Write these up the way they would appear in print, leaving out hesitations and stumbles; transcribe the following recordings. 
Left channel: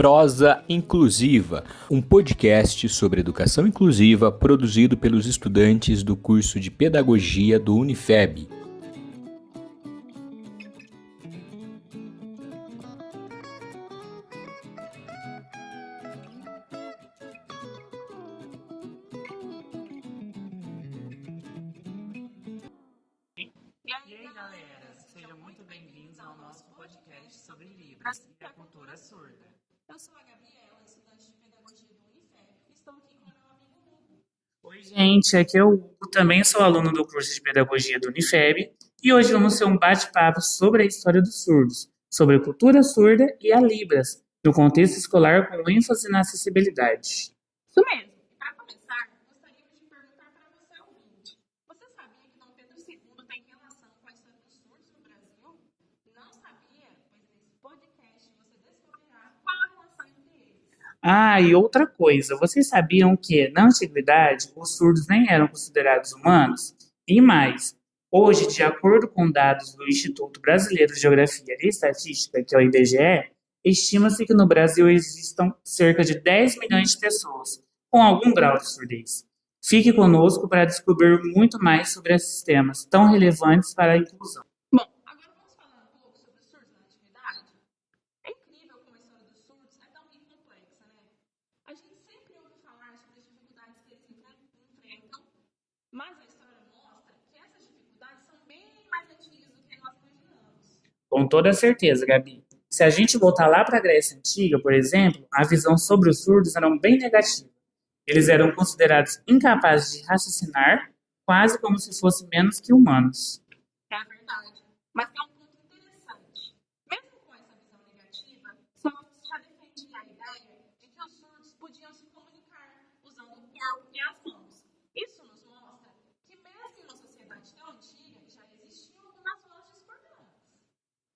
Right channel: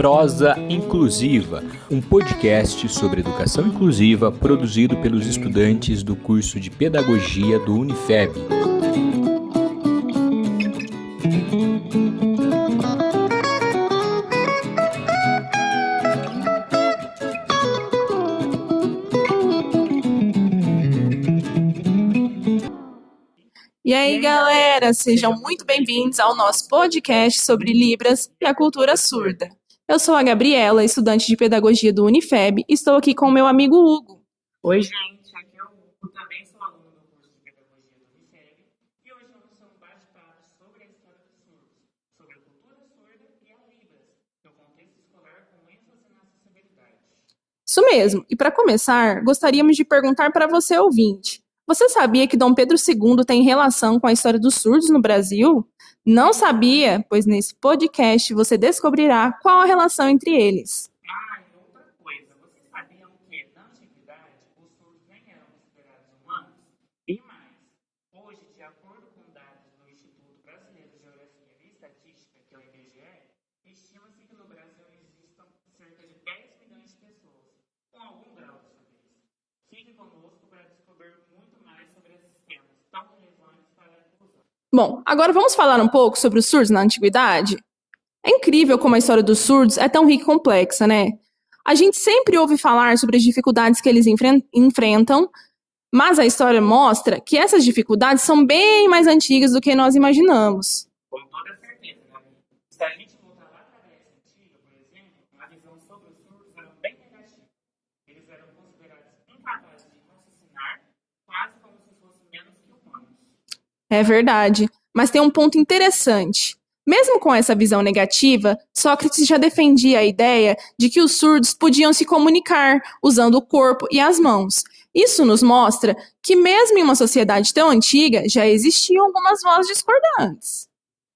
Prosa Inclusiva, um podcast sobre educação inclusiva produzido pelos estudantes do curso de Pedagogia do Unifeb. E aí, galera, sejam muito bem-vindos ao nosso podcast sobre Libras e a cultura surda. Eu sou a Gabriela, estudante de Pedagogia do Unifeb, e estou aqui com o meu amigo Hugo. Oi, gente, aqui é o Hugo, também sou aluno do curso de Pedagogia do Unifeb, e hoje vamos ter um bate-papo sobre a história dos surdos, sobre a cultura surda e a Libras, no contexto escolar com ênfase na acessibilidade. Isso mesmo, e para começar, gostaríamos de perguntar para você, ouvinte. Você sabia que Dom Pedro II tem relação com a história dos surdos no Brasil? Não sabia? Pois nesse podcast você descobrirá qual a relação entre eles. E outra coisa, vocês sabiam que, na antiguidade, os surdos nem eram considerados humanos? E mais, hoje, de acordo com dados do Instituto Brasileiro de Geografia e Estatística, que é o IBGE, estima-se que no Brasil existam cerca de 10 milhões de pessoas com algum grau de surdez. Fique conosco para descobrir muito mais sobre esses temas tão relevantes para a inclusão. Bom, agora vamos falar um pouco sobre os surdos na antiguidade? É incrível como a história dos surdos é tão rica e complexa, né? A gente sempre ouve falar sobre as dificuldades que eles enfrentam, mas a história mostra que essas dificuldades são bem mais antigas do que nós imaginamos. Com toda certeza, Gabi. Se a gente voltar lá para a Grécia Antiga, por exemplo, a visão sobre os surdos era bem negativa. Eles eram considerados incapazes de raciocinar, quase como se fossem menos que humanos. É verdade, mas tem um ponto interessante. Mesmo com essa visão negativa, Sócrates já defendia a ideia de que os surdos podiam se comunicar usando o corpo e as mãos. Isso nos mostra que mesmo em uma sociedade tão antiga, já existiam algumas vozes discordantes.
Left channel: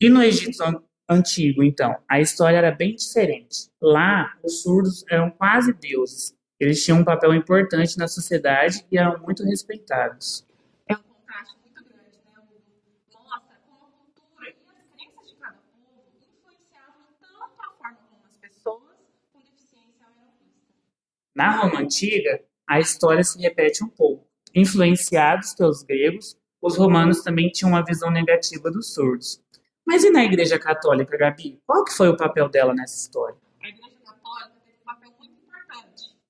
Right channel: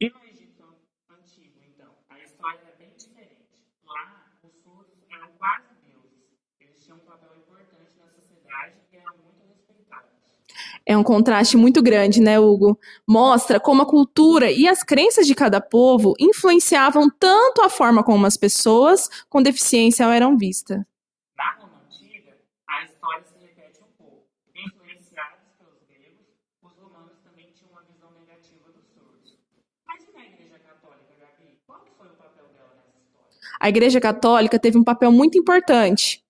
E no Egito Antigo, então, a história era bem diferente. Lá, os surdos eram quase deuses. Eles tinham um papel importante na sociedade e eram muito respeitados. É um contraste muito grande, né, Hugo? Mostra como a cultura e as crenças de cada povo influenciavam tanto a forma como as pessoas com deficiência eram vistas. Na Roma Antiga, a história se repete um pouco. Influenciados pelos gregos, os romanos também tinham uma visão negativa dos surdos. Mas e na Igreja Católica, Gabi? Qual que foi o papel dela nessa história? A Igreja Católica teve um papel muito importante.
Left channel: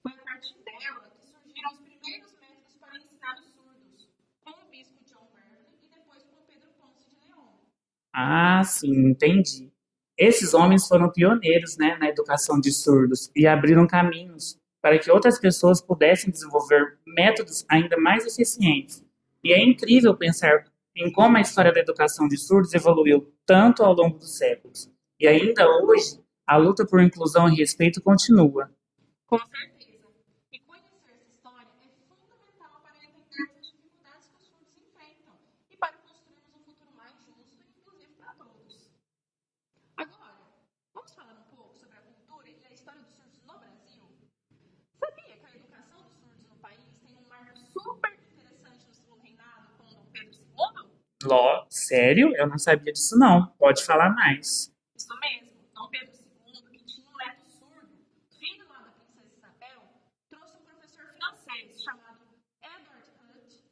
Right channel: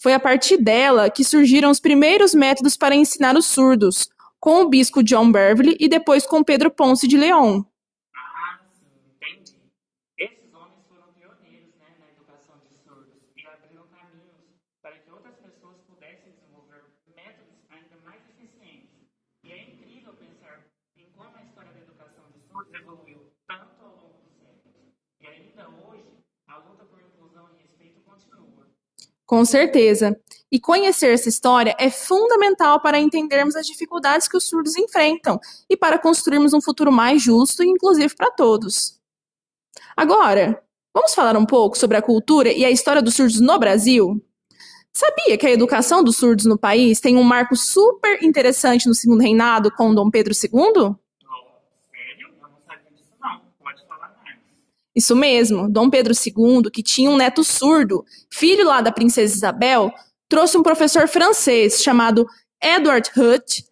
Foi a partir dela que surgiram os primeiros métodos para ensinar os surdos, com o bispo John Beverly e depois com Pedro Ponce de León. Sim, entendi. Esses homens foram pioneiros, na educação de surdos e abriram caminhos para que outras pessoas pudessem desenvolver métodos ainda mais eficientes. E é incrível pensar em como a história da educação de surdos evoluiu tanto ao longo dos séculos. E ainda hoje, a luta por inclusão e respeito continua. Com certeza. E conhecer essa história é fundamental para entendermos as dificuldades que os surdos enfrentam e para construirmos um futuro mais justo e inclusivo para todos. Agora, vamos falar um pouco sobre a cultura e a história dos surdos no Brasil? Sabia que a educação dos surdos no país tem um marco super interessante no segundo reinado com Dom Pedro II? Sério? Eu não sabia disso não. Pode falar mais. Isso mesmo, Dom Pedro II, que tinha um neto surdo, filho lá da princesa Isabel, trouxe um professor francês chamado Edward Hutt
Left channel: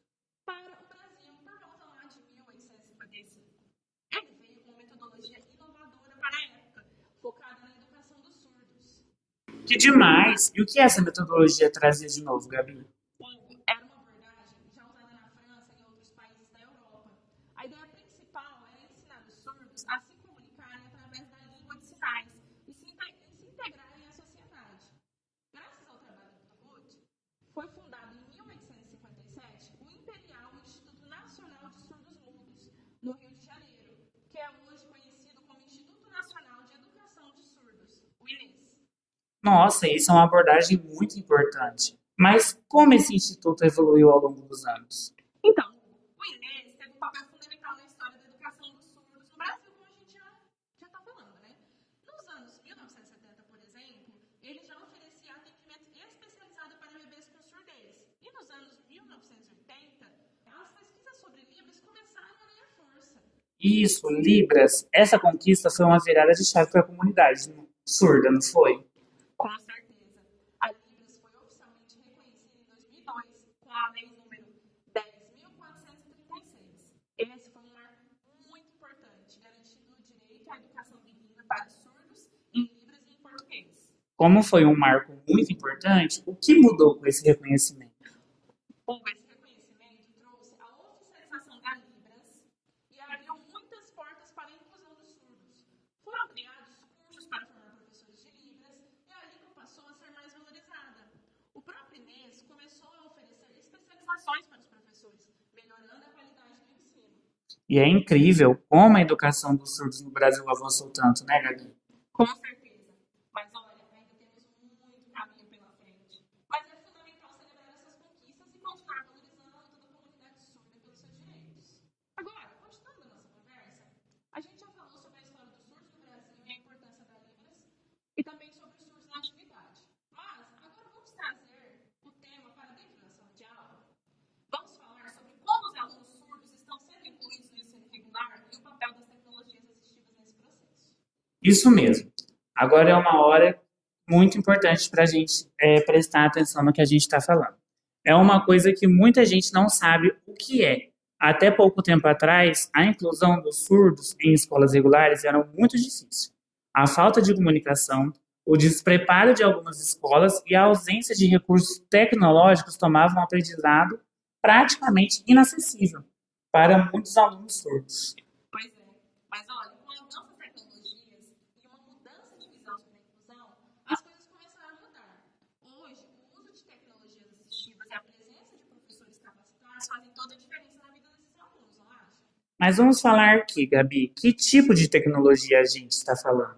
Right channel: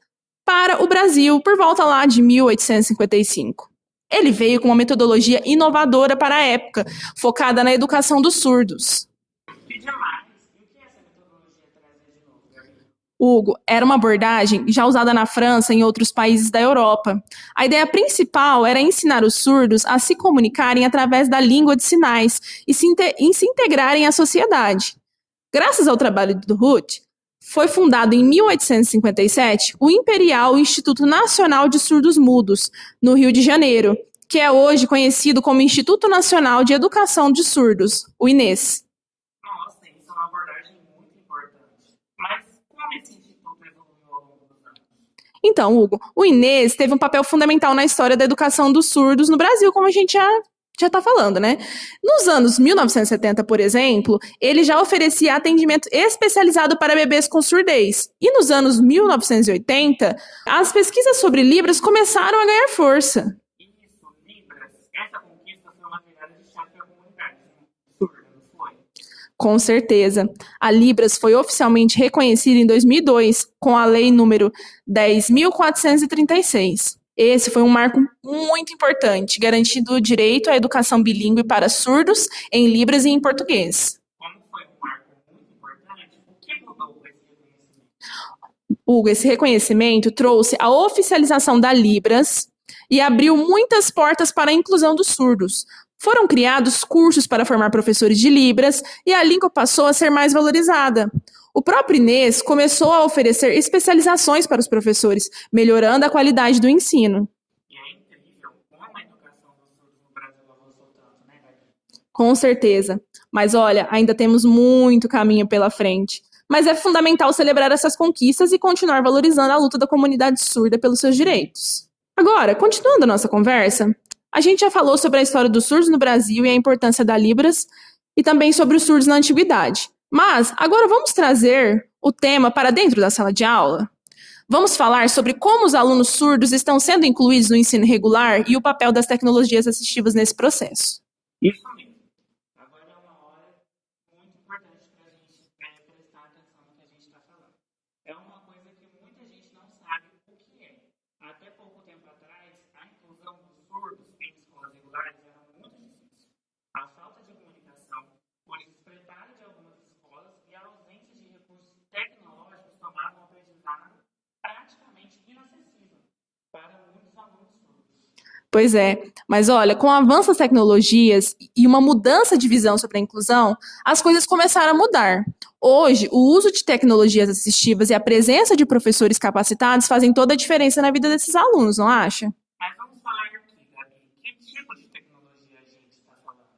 para o Brasil por volta lá de 1855. Ele veio com uma metodologia inovadora para a época, focada na educação dos surdos. Que demais! E o que essa metodologia trazia de novo, Gabi? Hugo, era uma abordagem já usada na França e em outros países da Europa. A ideia principal era ensinar os surdos a se comunicarem através da língua de sinais e se integrarem à sociedade. Graças ao trabalho do Hutt, foi fundado em 1857 o Imperial Instituto Nacional de Surdos Mudos, no Rio de Janeiro, que é hoje conhecido como Instituto Nacional de Educação de Surdos, o INES. Nossa, isso é uma abordagem muito importante. Mas como esse instituto evoluiu ao longo dos anos? Então, Hugo, o INES teve um papel fundamental na história da educação dos surdos no Brasil, como a gente já está falando, né? Nos anos 1970, por exemplo, ele já oferecia atendimento especializado para bebês com surdez. E nos anos 1980, as pesquisas sobre Libras começaram a ganhar força. Isso, Libras. Essa conquista foi uma virada de chave para a comunidade. surda, não foi? Com certeza. A Libras foi oficialmente reconhecida em 2002 com a Lei número 10.436. Esse foi um marco muito importante, garantindo o direito à educação bilíngue para surdos em Libras e em português. Como foi um marco muito importante, o que mudou com esse reconhecimento? Hugo, esse reconhecimento trouxe a oficialização da Libras e abriu muitas portas para a inclusão dos surdos. Foram criados cursos para formar professores de Libras e a língua passou a ser mais valorizada. O próprio Inês começou a oferecer especializações para os professores, melhorando a qualidade do ensino. E é incrível como a educação dos surdos no Brasil avançou tanto, né, Gabi? Com certeza. Mas olha, ainda temos muito caminho pela frente. Mas é fundamental celebrar essas conquistas e continuar valorizando a luta da comunidade surda pelos seus direitos. Agora, continuando a nossa conversa, a gente já falou sobre a história dos surdos no Brasil e a importância da Libras e também sobre os surdos na antiguidade. Mas agora vamos trazer o tema para dentro da sala de aula. Vamos falar sobre como os alunos surdos estão sendo incluídos no ensino regular e o papel das tecnologias assistivas nesse processo. Isso mesmo. Agora é uma hora muito importante para a gente prestar atenção no que a gente está falando. É uma coisa que muita gente não sabe o que é. Até pouco tempo atrás, a inclusão dos surdos em escolas regulares era muito difícil. A falta de comunicação, o despreparo de algumas escolas e a ausência de recursos tecnológicos tomavam o aprendizado praticamente inacessível para muitos alunos surdos. Pois é, mas olha, com o avanço das tecnologias e uma mudança de visão sobre a inclusão, as coisas começaram a mudar. Hoje, o uso de tecnologias assistivas e a presença de professores capacitados fazem toda a diferença na vida desses alunos, não acha? Mas vamos falar aqui, Gabi, que tipo de tecnologia a gente está falando?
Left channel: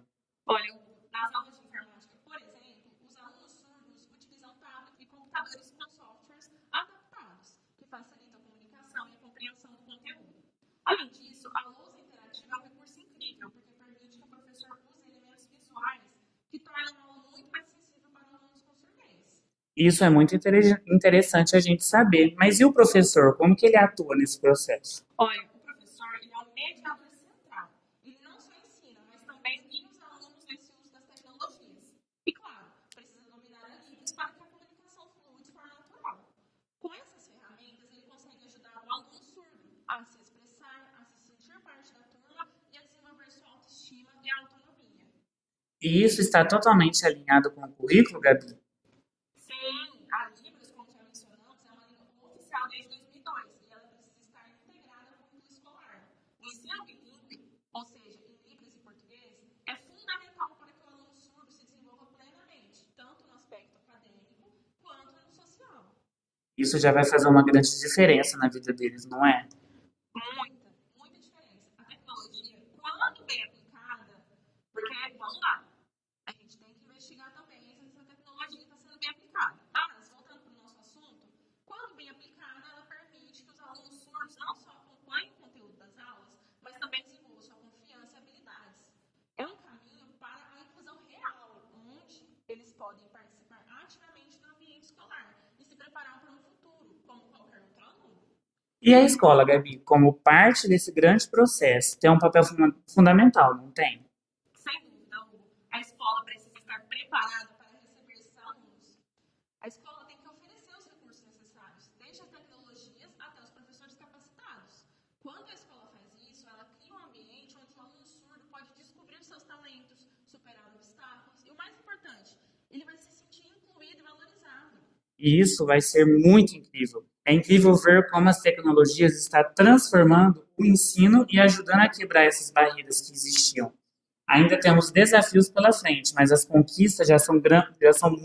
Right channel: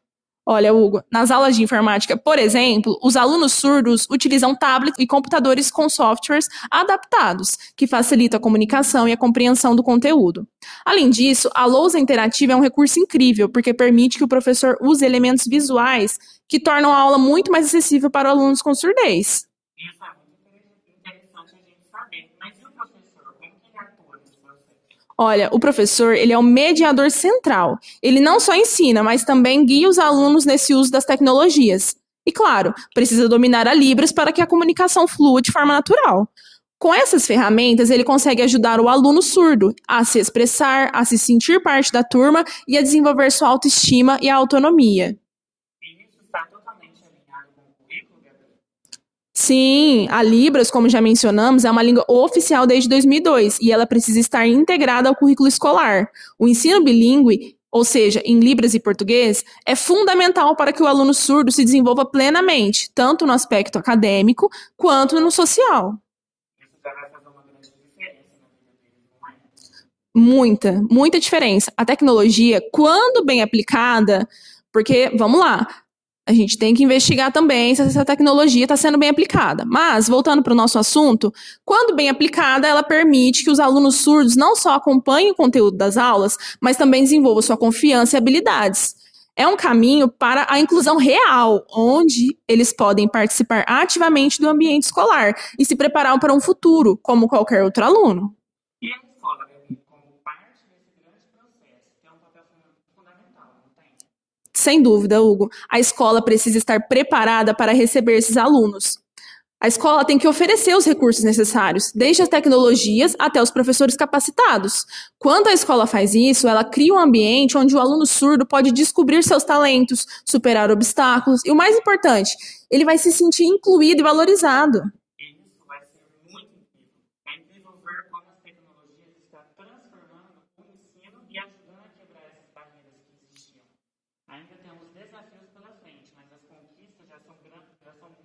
Olha, Hugo, nas aulas de informática, por exemplo, os alunos surdos utilizam tablets e computadores com softwares adaptados, que facilitam a comunicação e a compreensão do conteúdo. Além disso, a lousa interativa é um recurso incrível, porque permite que o professor use elementos visuais que tornam a aula muito mais acessível para alunos com surdez. Isso é muito interessante a gente saber. Mas e o professor? Como que ele atua nesse processo? Olha, o professor, ele é o mediador central. Ele não só ensina, mas também guia os alunos nesse uso das tecnologias. E claro, precisa dominar a Libras para que a comunicação flua de forma natural. Com essas ferramentas, ele consegue ajudar o aluno surdo a se expressar, a se sentir parte da turma e a desenvolver sua autoestima e a autonomia. E isso está totalmente alinhado com o currículo, Gabi? Sim, a Libras, como já mencionamos, é uma língua oficial desde 2002 e ela precisa estar integrada ao currículo escolar. O ensino bilíngue, ou seja, em Libras e português, é fundamental para que o aluno surdo se desenvolva plenamente, tanto no aspecto acadêmico quanto no social. Isso já vai fazer uma grande diferença na vida deles, não é? Muita diferença. A tecnologia, quando bem aplicada, porque, vamos lá, a gente tem que investigar também se essa tecnologia está sendo bem aplicada. Mas, voltando para o nosso assunto, quando bem aplicada, ela permite que os alunos surdos não só acompanhem o conteúdo das aulas, mas também desenvolvam sua confiança e habilidades. É um caminho para a inclusão real, onde eles podem participar ativamente do ambiente escolar e se preparar para um futuro, como qualquer outro aluno. E a escola, Gabi, como parte desse grande processo, tem um papel fundamental, não tem? Sem dúvida, Hugo. A escola precisa estar preparada para receber esses alunos. A escola tem que oferecer os recursos necessários, desde as tecnologias até os professores capacitados. Quando a escola faz isso, ela cria um ambiente onde o aluno surdo pode descobrir seus talentos, superar obstáculos e, o mais importante, ele vai se sentir incluído e valorizado. E isso vai ser muito incrível. É incrível ver como as tecnologias estão transformando o ensino e ajudando a quebrar essas barreiras que existiam. Ainda temos desafios pela frente, mas as conquistas já são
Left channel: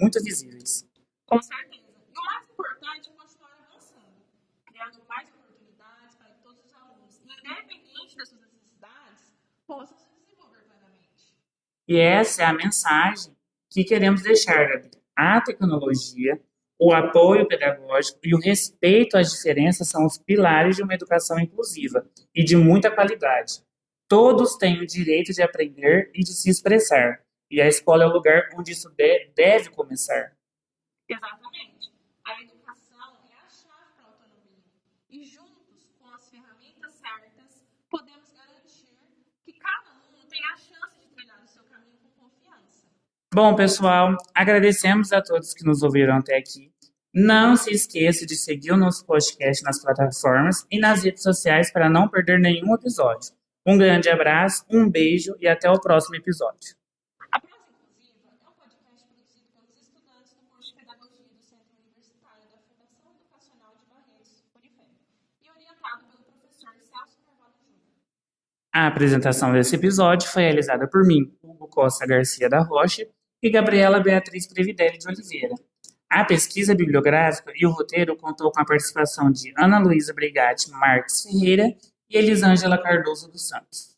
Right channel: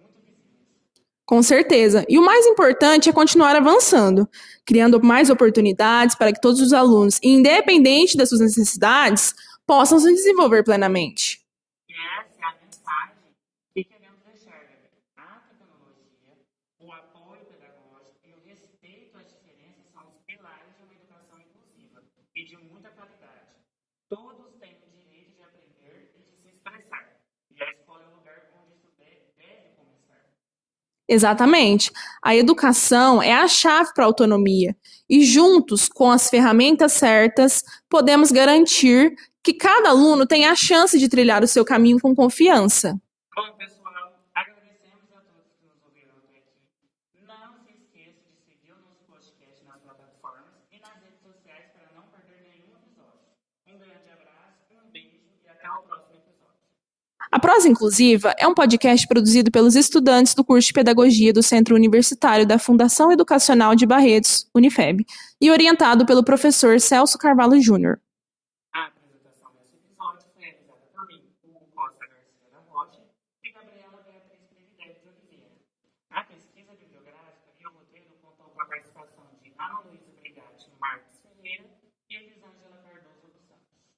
muito visíveis. Com certeza. E o mais importante é continuar avançando, criando mais oportunidades para que todos os alunos, independente das suas necessidades, possam se desenvolver plenamente. E essa é a mensagem que queremos deixar, Gabi. A tecnologia, o apoio pedagógico e o respeito às diferenças são os pilares de uma educação inclusiva e de muita qualidade. Todos têm o direito de aprender e de se expressar. E a escola é o lugar onde isso deve começar. Exatamente. A educação é a chave para a autonomia. E juntos, com as ferramentas certas, podemos garantir que cada aluno tenha a chance de trilhar o seu caminho com confiança. Bom, pessoal, agradecemos a todos que nos ouviram até aqui. Não se esqueça de seguir o nosso podcast nas plataformas e nas redes sociais para não perder nenhum episódio. Um grande abraço, um beijo e até o próximo episódio. A Prosa Inclusiva é um podcast produzido pelos estudantes do curso de Pedagogia do Centro Universitário da Fundação Educacional de Barretos, Unifeb, e orientado pelo professor Celso Carvalho Júnior. A apresentação desse episódio foi realizada por mim, Hugo Costa Garcia da Rocha, e Gabriela Beatriz Previdelli de Oliveira. A pesquisa bibliográfica e o roteiro contou com a participação de Ana Luísa Brigatti Marques Ferreira e Elisângela Cardoso dos Santos.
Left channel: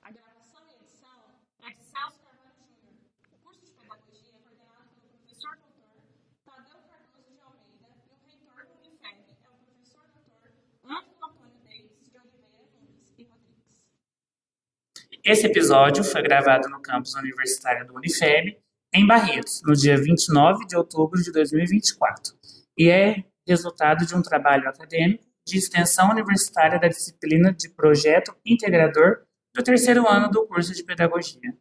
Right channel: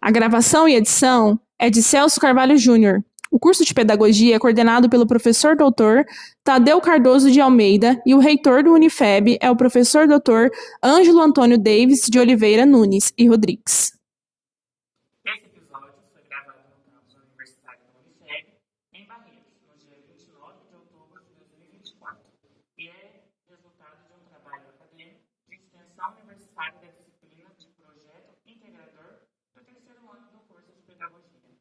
A gravação e edição é de Celso Carvalho Júnior. O curso de Pedagogia é coordenado pelo professor doutor Tadeu Cardoso de Almeida e o reitor do Unifeb é o professor doutor Ângelo Antônio Davis de Oliveira Nunes e Rodrigues. Esse episódio foi gravado no campus universitário do Unifeb, em Barretos, no dia 29 de outubro de 2024, e é resultado de um trabalho acadêmico de extensão universitária da disciplina de Projeto Integrador do terceiro ano do curso de Pedagogia.